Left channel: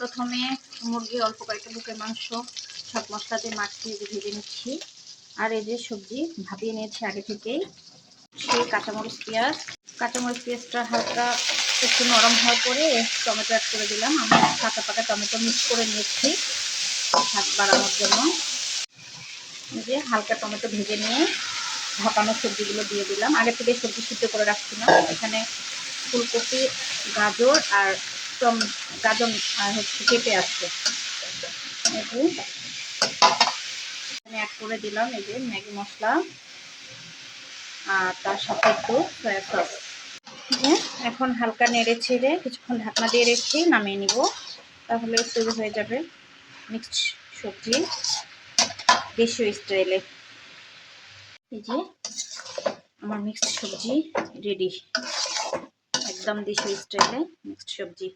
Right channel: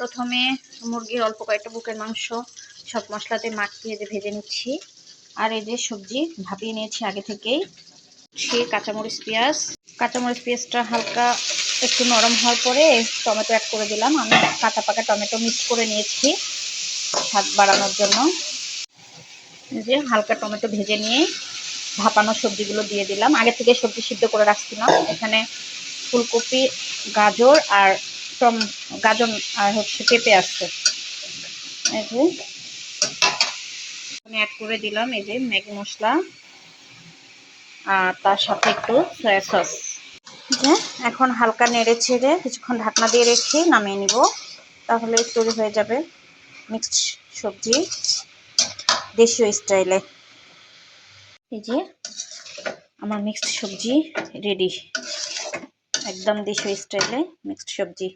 প্রথমে মুরগির অল্প কয়েকটা বুকের মাংস সব মশলাতে মাখিয়ে ভেজে নিচ্ছি। আর এই যে সবজি ভাপিয়ে নিয়েছি আগে থেকেই। সেই কাঁচামরিচ পেঁয়াজটা হালকা একটু নরম হওয়ার পরে টমেটো অ্যাড করে দিলাম। আমি কাঁচা পাকা টমেটো মিক্স করে নিয়েছি স্বাদ বাড়ানোর জন্য। যে হালকা টমেটো ভেজে নিয়ে ভাপানো সবজিগুলো দিয়ে দিলাম। আগে থেকে সবজি সিদ্ধ করে রাখছিলাম। এখানে ফুলকপি, গাজর আর পেঁপে আছে। এই যে আমি অ্যাড করে দিলাম এই যে ম্যাগি মশলা আর তার সাথে একটু সয়া সস। এখন হালকা নেড়ে ছেড়ে কিছুক্ষণ ঢাকনা দিয়ে রেখে নামিয়ে নিব। তাহলে তৈরি হয়ে যাবে মিক্সড সবজি দেশীয় স্টাইলে। এই যে আমার মিক্সড সবজি রেডি, একদম দেশীয় স্টাইলে মিক্সড সবজি।